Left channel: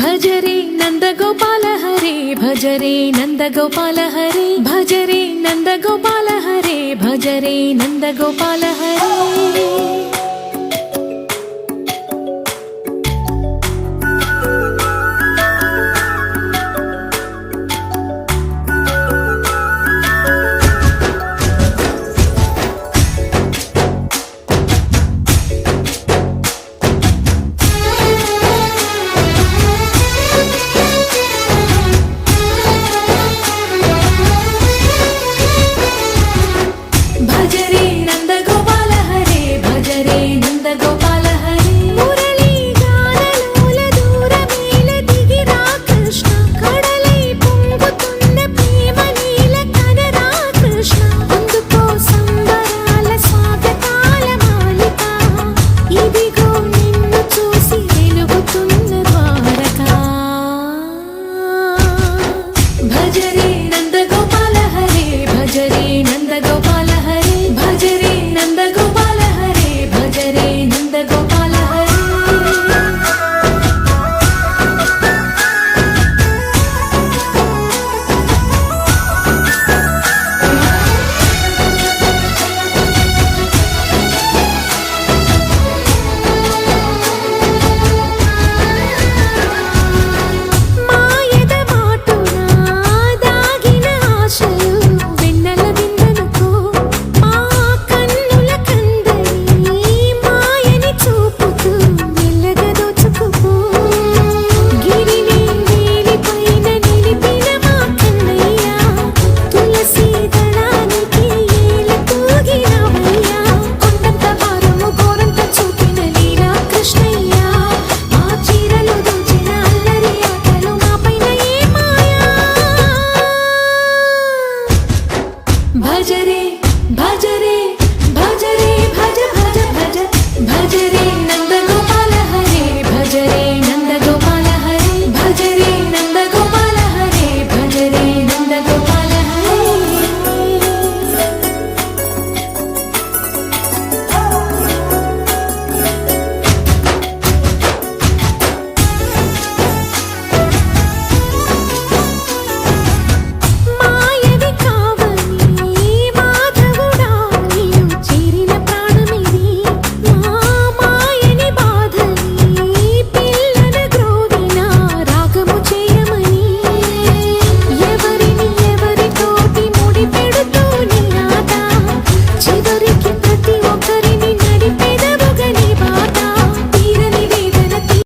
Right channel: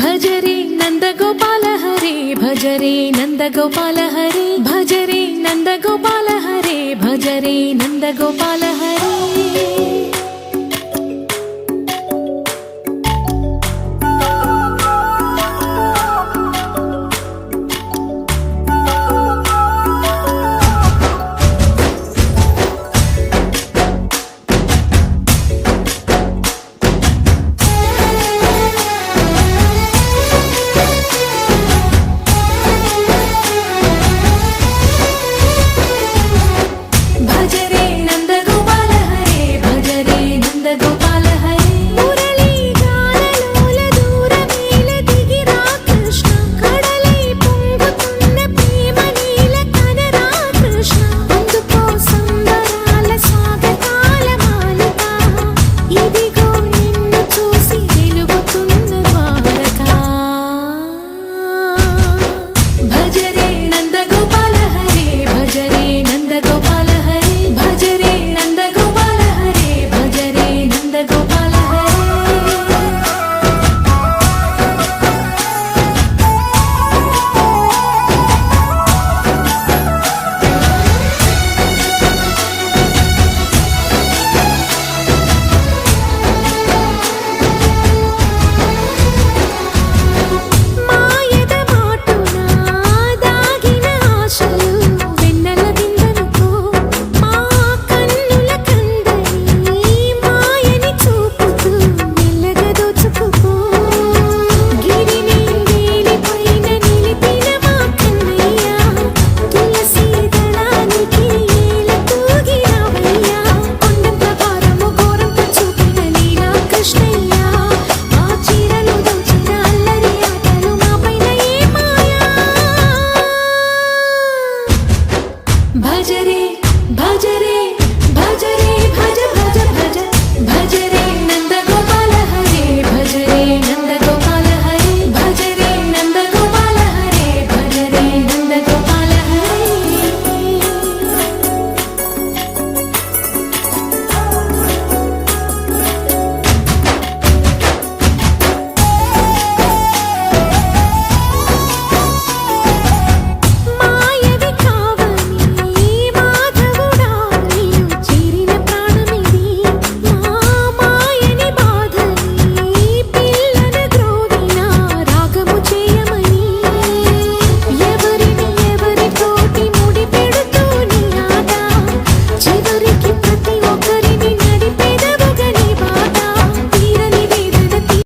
भज रे नंद गोपाल हरे भज रे नंद गोपाल हरे भज रे नंद गोपाल हरे भज रे नंद गोपाल हरे भज रे नंद गोपाल हरे भज रे नंद गोपाल हरे मुरली गानलोल दूरमेल दिगिरा कृष्ण कड़लै పొంగుతున్న ప్రేమ నీల కనరా కృష్ణ అందుకో సంబరాల స్వాగతాల మాలిక ఇదిగో నిన్ను చూసి వెలుగుతున్న ద్వారకా భజ రే నంద గోపాల హరే భజ రే నంద గోపాల हरे भज रे नंद गोपाल हरे भज रे नंद गोपाल